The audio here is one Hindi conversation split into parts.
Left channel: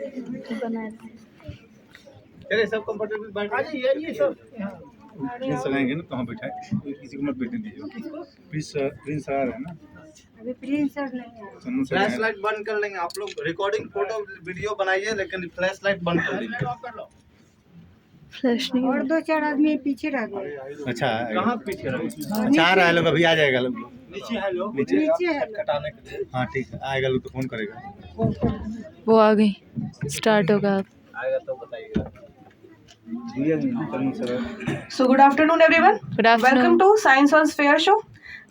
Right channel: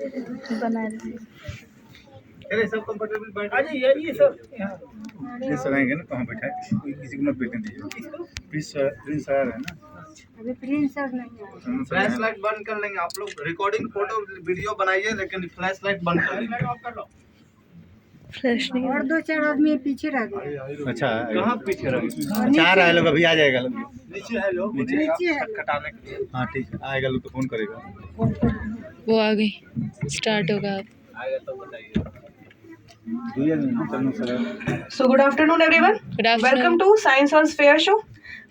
बना रहे अरे सब कंफर्टेबल बैठ आ जाइए ये सब प्रिंस आएंगे ना तो हम बैठाए किसी को मत बैठने दीजिए प्रिंस आया है ना अभी प्रिंस सर नहीं आए। फ्लैश लाइट बंद कर लेंगे आप लोग रिकॉर्डिंग फोटो वीडियो बनाइए लेकिन फ्लैश लाइट बंद कर दीजिए फ्लैश नहीं और 2-4 आदमी पीछे रह गए। अच्छा कहाँ पीछे रह गए चार आए लोग अभी आ जाएगा लोग नीचे है लोग नीचे है कटाने के लिए हाँ ठीक है आएगा लोग तो फोन करेगा वो आ गई स्टार्ट होगा अब आएगा तो बताइए so good afternoon everyone, Good afternoon. Welcome to science on sphere show,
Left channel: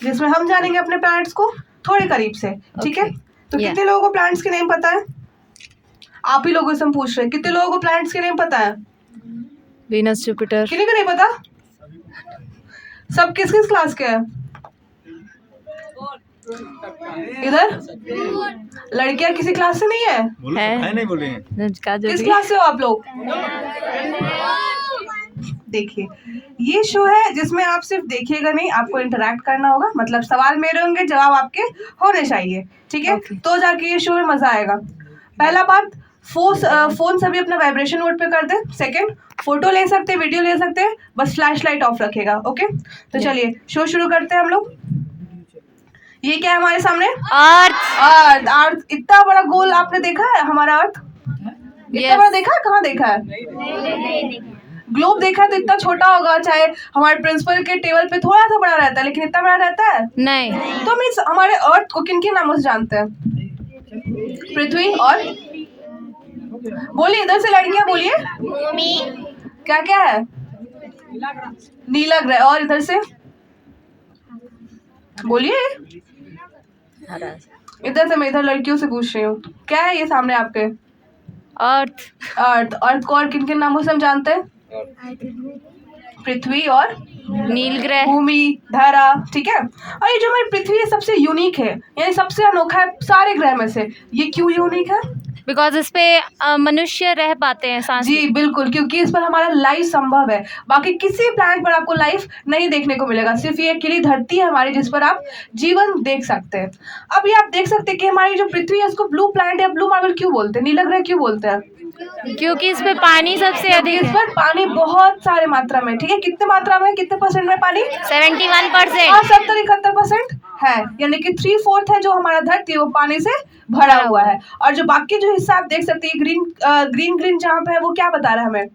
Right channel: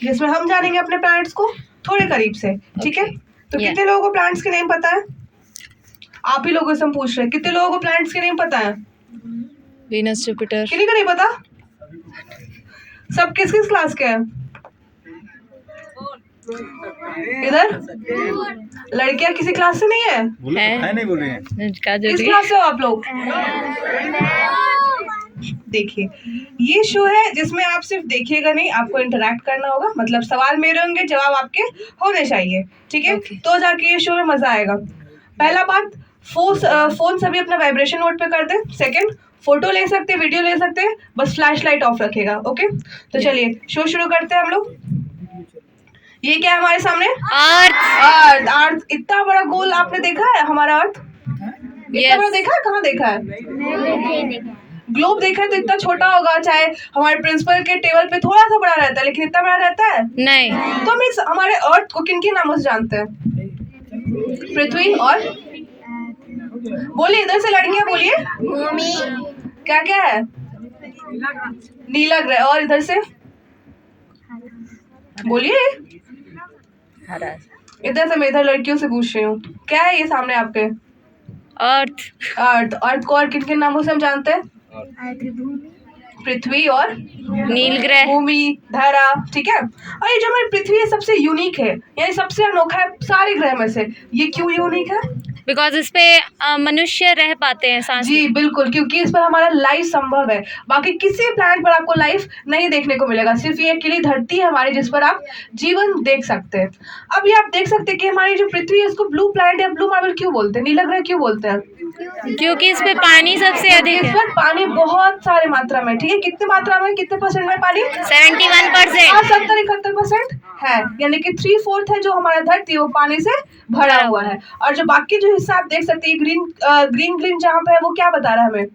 जिसमें हम जानेंगे अपने प्लैनेट्स को थोड़े करीब से। ठीक है, तो Yeah. कितने लोगों को प्लैनेट्स के नेम पता है? आप ही लोगों से हम पूछ रहे हैं, कितने लोगों को प्लैनेट्स के नेम पता है? वीनस जुपिटर किसी को नहीं पता? सब किस किस क्लास के हैं इधर? लड़कियां किसी क्लास से नहीं है? है नहीं बोल रहे हैं किस क्लास से हो आप लोग? देखिए, ये शो है जिसमें आप सिर्फ देखिएगा नहीं, आपको इंटरैक्ट करना होगा। मतलब सवाल मेरे होंगे, जवाब आपके होने चाहिए। ठीक है, तो जाके ये शो में मजा आएगा। पहला बात, फोन सभी अपना वाइब्रेशन मोड पे कर दे। सेकंड, फोटो ले सकते हैं, वीडियो ले सकते हैं, बस फ्लैश लाइट ऑफ रखेगा। ओके, तो चलिए शो शुरू करते हैं हम लोग। ये क्या है हमारे सामने? अर्थ। अर्थ इतना बड़ा गोल आपने देखा है? हमारा अर्थ इतना बड़ा देखा है? कहाँ देखा है? ग्लोब देखा है तो इतना छोटा होगा, चाहे हमारे प्रिंसिपल के टेबल पे थोड़ा सा बड़ा रहता है, लेकिन इतना बड़ा रहता है नहीं। तो मीन्स हमारे अर्थ को किन किन नामों से जानते हैं? पृथ्वी और बोलिए, इधर से लड़कियां बोलिए। भूमि। क्या क्या है? नीला ग्रह। और इधर से बोलिए। इधर से मैं इधर लड़कियों से पूछ रही हूँ, क्या है ये सामने आपके? अर्थ। अर्थ। अर्थ को और किन किन नामों से हम जानते हैं? पृथ्वी और नील ग्रह। भूमि, धरा। ठीक है, और ये जो हमारी पृथ्वी है सबसे यूनिक है, यानी सबसे अनोखा है सारे ग्रह में से। ये क्यों यूनिक है? बिकॉज इस पे मनुष्य रह पाते हैं सांस। जी बिल्कुल, क्योंकि इस पर हमारा लाइफ संभव है। बाकी किसी प्लैनेट पर आपको लाइफ नहीं देखने को मिलेगा, सिर्फ ये अकेली धरती है हमारी जिस पर आप जीवन देख सकते हैं। अब ये आप देख सकते हैं कि हमारी जो पृथ्वी है उसको ब्लू प्लैनेट या ब्लू मार्बल क्यों बोलते हैं, नीला ग्रह क्यों बोलते हैं? क्योंकि इस पे पानी सबसे अधिक इस है। पर पानी बहुत सारे मात्रा में। ठीक है, कितने मात्रा में, कितने परसेंट में पानी? 71%। और 70-71% है, यानी कि 3/4 है जो हमारा धरती वो पानी से भरा हुआ है। और जो बाकी जो हिस्सा आप देख सकते हैं ग्रीन जहाँ पे है, वो क्या बता रहा है हमें?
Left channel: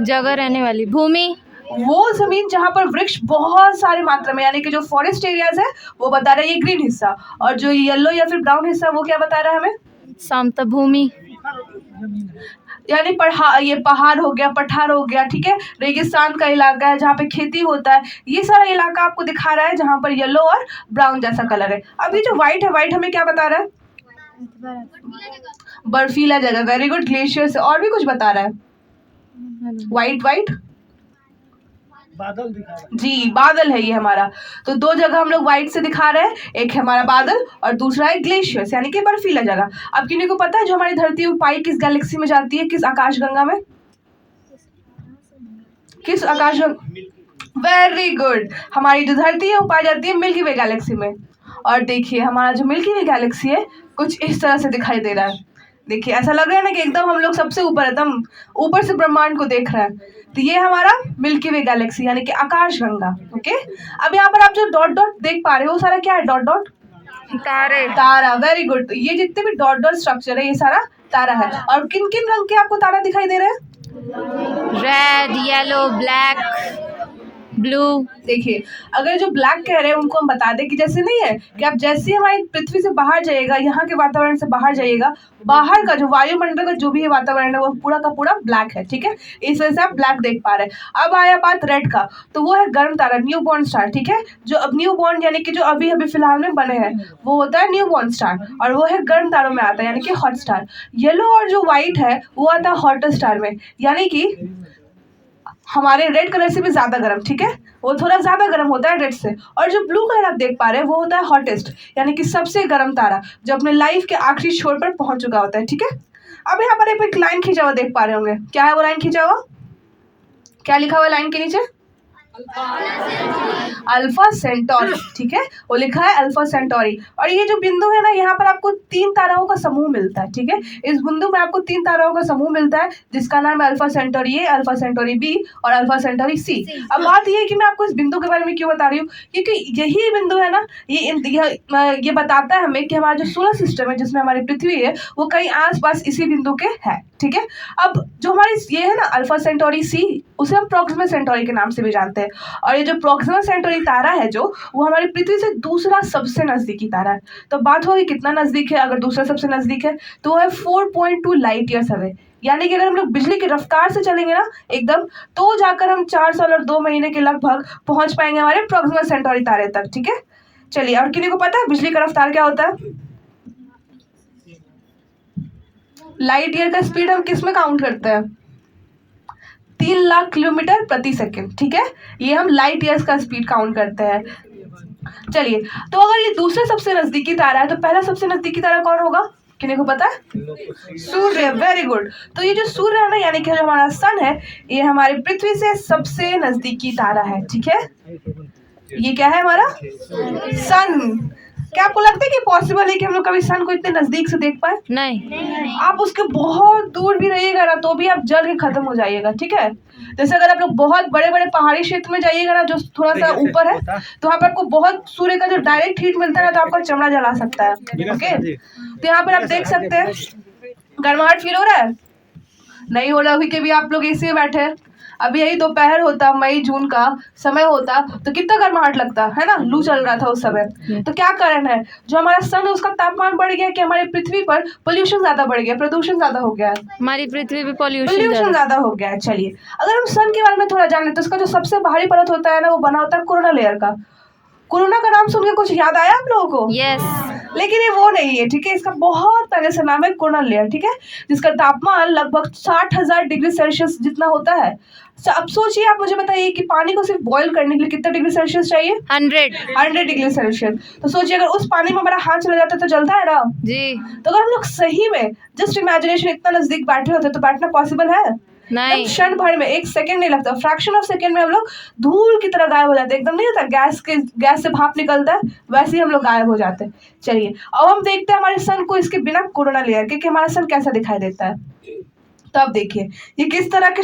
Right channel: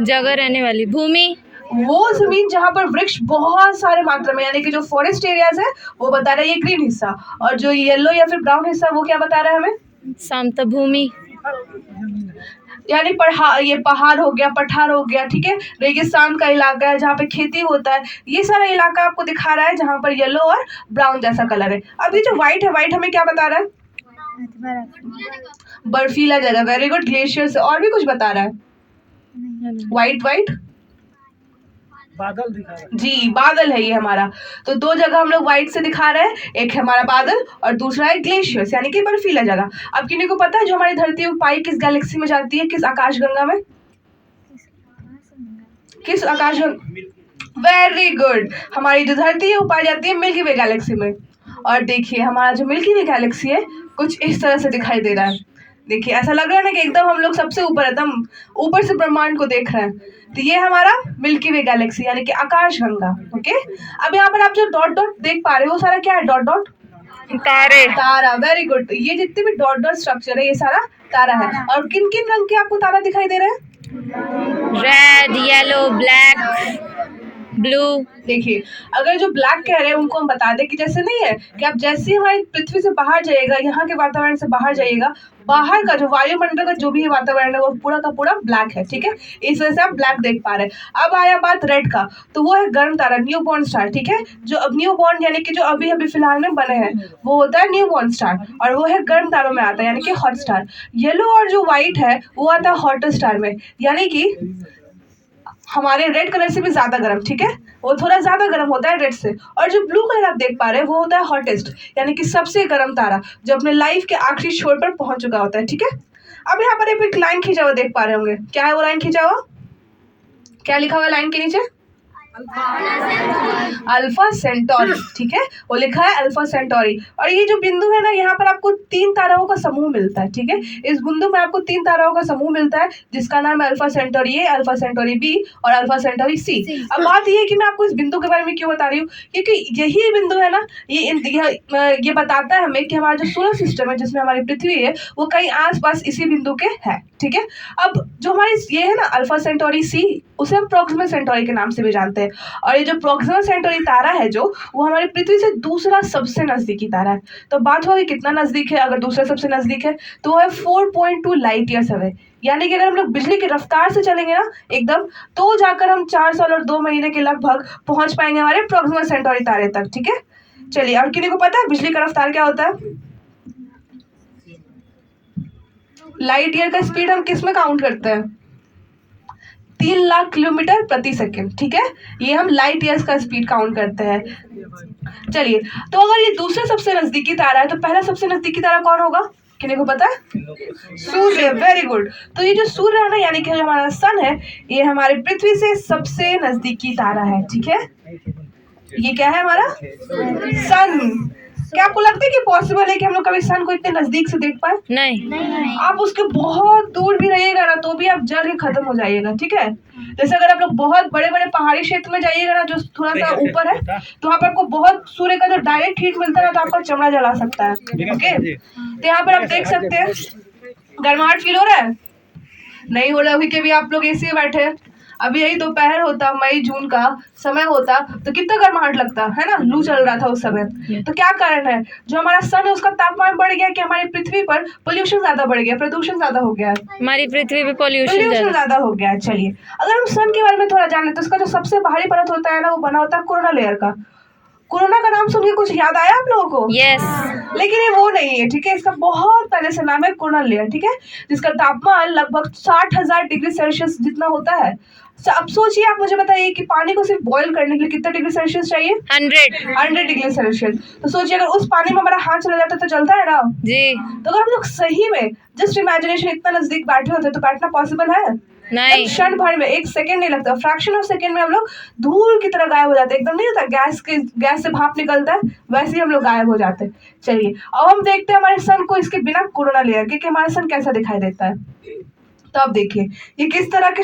जगह रहने वाली भूमि। वो जमीन जहाँ पर वृक्ष बहुत सारे मात्रा में, यानी कि जो फॉरेस्ट एरियाज है वो बता रहा है ये ग्रीन हिस्सा। और जो येलो या फिर ब्राउन हिस्सा वो क्या बता रहा है हमें? समतल भूमि, यानी ये पहाड़ हो गया, पठार हो गया। ठीक है, रेगिस्तान का इलाका है जहाँ पे खेती होता है। ये सारा इलाका आपको दिखा रहा है जहाँ पर येलो और ब्राउन जैसा कलर है। अब ये जो व्हाइट है, व्हाइट हमें क्या बता रहा है? बर्फीला जगह। वेरी गुड, ग्लेशियर से। और भी कुछ बता रहा है? व्हाइट बादल दिखा रहा है। जी, बादल है ये हमारा। तो दो जगह हम लोग व्हाइट से दिखा रहे हैं, एक है हमारा बादल और दूसरा है ग्लेशियर्स, यानी कि बर्फीला जगह। अब किन्हीं को पता है जो हमारी धरती पाई किस गैलेक्सी में जाती है, किस आकाशगंगा में? किस आकाशगंगा? वेरी गुड, हमारी जो धरती है वो पाई जाती है मिल्की वे गैलेक्सी में। और देखिए हमारा जो मिल्की वे गैलेक्सी है कुछ इस तरह से दिखाई दे रहा है। देखिए ऐसा लग रहा है ना कि एकदम हम लोग सबसे ऊपर, एकदम ऊपर से ब्रह्मांड को देख रहे हैं। तो ये हमारा मिल्की वे गैलेक्सी यानी कि आकाशगंगा। ओके, अब यहाँ पर आप जो डॉट डॉट देख पा रहे हो वो सारा क्या है? डॉट डॉट तारे। तारा। वेरी गुड, तो ये जितने भी डॉट डॉट स्ट्रक्चर है ये सारा तारा है। और किन किन रंग के आपको तारा दिखाई दे रहे हैं? Red, yellow, black, blue. देखिए, अगर जो ब्लैक कह रहे हैं उनको हम बता दें कि जैसे नहीं है कि आप जैसे ही हमारी पृथ्वी से बाहर जाइएगा, यहाँ के वातावरण से बाहर जाइएगा, बाहर का जो वायुमंडल का जो भी वातावरण है वो पूरा का पूरा ब्लैक है। ठीक है, इस वजह से आप ब्लैक देख पा रहे हैं। अब आया बात रेड का, तो वो है गर्म तारा, न्यू बॉर्न स्टार। ठीक है, जो अब न्यू बॉर्न यानी कि जो अभी अभी फिलहाल में बने हैं वो होता है न्यू बॉर्न स्टार, और वो है गर्म तारों में आता है, यानी कि हॉट स्टार। येलो और जो व्हाइट है वो आता है हॉट स्टार में, यानी कि हमारे रेड कलर से भी ज्यादा गर्म। ठीक है, वो थोड़ा ज्यादा गर्म होता है रेड से। और जो ब्लू कलर आप देख पा रहे हैं वो होता है हॉटेस्ट, यानी कि सबसे गर्म तारा जो अपने लाइफ के आखिरी छोर पर पहुंच चुका होता है। ठीक है, अब यहाँ पर एक लाइन खींचा हुआ देख पा रहे होंगे, क्या है वो लाइन खींचा हुआ? क्या लिखा हुआ लाइन के नीचे? अल्फा सेंटोरी, ठीक है, वो लिखा है अल्फा सेंटोरी। और ये जो बिंदु है ना, यहाँ पर आपको 3 ताराओं का समूह मिलता है, ठीक है। इस बिंदु में आपको 3 ताराओं का समूह मिलता है जिसका नाम है Alpha Centauri A, Alpha Centauri B और अल्फा सेंटोरी सी। अब बात ये है कि मैं आपको इस बिंदु के बारे में क्यों बता रही हूँ, क्योंकि यही बिंदु है ना, ये बताता है हमें कि हमारा जो सोलर सिस्टम है जिसमें हमारी पृथ्वी है वो कहीं आसपास इसी बिंदु के है, ठीक है। अब जो हमारी ये है ना अल्फा सेंटोरी सी, उसे हम प्रोक्सिमा सेंटोरी के नाम से भी जानते हैं। और ये जो प्रोक्सिमा सेंटोरी तारा है जो, वो हमारी पृथ्वी से दूसरा सबसे नजदीकी तारा है। तो बात होगी कितना नजदीक है, अगर दूसरा सबसे नजदीक है तो वो है 4.2 लाइट ईयर्स अवे। यानी कि अगर हम लोग बिजली की रफ्तार से चलेंगे ना एकदम, तो जाकर हम 4 साल और 2 महीने के लगभग पहुंच पाएंगे हमारे प्रोक्सिमा सेंटोरी तारे तक, ठीक है। चलिए, और किसी को पता है बिजली का रफ्तार क्या होता है? लाइट ईयर का स्पीड हम किस में काउंट करते हैं? 3 लाख किलोमीटर प्रति सेकंड, ठीक है। ये हम लाइट ईयर्स का स्पीड काउंट करते हैं। चलिए, तो अगर ये दूसरा सबसे नजदीकी तारा है तो पहला सबसे नजदीकी तारा कौन होगा, किसी को पता है? सूर्य, वेरी गुड। तो ये जो सूर्य है ना, यानी कि जो हमारा सन है, ये हमारे पृथ्वी से सबसे नजदीकी तारा है, ठीक है। ये क्या है हमारा सन। क्या आपको लगता है कि पॉसिबल है कि हम लोग कभी सन को इतने नजदीक से देख पाए? नहीं। आप उसके बहुत दूर भी रहिएगा ना तो भी आप जल के खत्म हो जाइएगा, ठीक है। जैसे अगर आप लोग बहुत बड़े बड़े पहाड़ी क्षेत्र में जाइएगा ना जो थोड़ा सा ऊपर है, तो वहाँ पर आपको बहुत सूर्य का जो डायरेक्ट हीट मिलता है ना, तो आपका चमड़ा जला सकता है, ओके। तो यहाँ पर आप देख सकते हैं गर्माहट फील हो रहा है? नहीं हो रहा, क्योंकि भी आप लोग ऐसे ही बैठे हैं। अभी यही दोपहर होता, मई जून का समय होता, तो कितना गर्माहट लगता है ना, लू चल रहा था उस समय। तो क्या कारण है, जो हमारा सन है उसका तापमान बढ़ गया कि हमारी पृथ्वी पर पोल्यूशन ज्यादा बढ़ गया, प्रदूषण ज्यादा हो गया है, हमारी पृथ्वी पे पॉल्यूशन ज्यादा हो गया है। चलिए, अगर हम सन के बारे में थोड़ा जाने तो उसका जो सबसे बाहरी परत होता है ना, वो बना होता है कोरोना लेयर का। कोरोना का नाम सुन के कुछ याद आया आप लोगों को? यस। लेकिन ये वो नहीं है, ठीक है। इसका बहुत पहले से नाम है कोरोना लेयर, ठीक है, जिसका तापमान लगभग 60,000 डिग्री सेल्सियस जितना होता है। अब सोचिए, आप मुझे बताइए कि पानी को सिर्फ बॉईल करने के लिए कितना डिग्री सेल्सियस चाहिए? 100 डिग्री सेल्सियस। तो सोचिए अगर उस पानी में हमारा हाथ चला जाता तो जलता है ना जी। तो अगर हम लोग सही में जस्ट इमेजिनेशन इतना नजदीक बैठे होते तो बैठना पॉसिबल है? नहीं। क्षण भर में, 1 सेकंड नहीं लगता, फ्रैक्शन ऑफ सेकंड में हम लोग धूल की तरह गायब हो जाते, एकदम नहीं होता गैस से भाप निकलता है वैसे ही हम लोग गायब हो जाते। चलिए, अब हम देखते हैं हमारे सन को इसके बिना कोरोना लेयर के कि हमारा सन कैसा दिखाई देता है। तो अब देखिए ये किस तरह के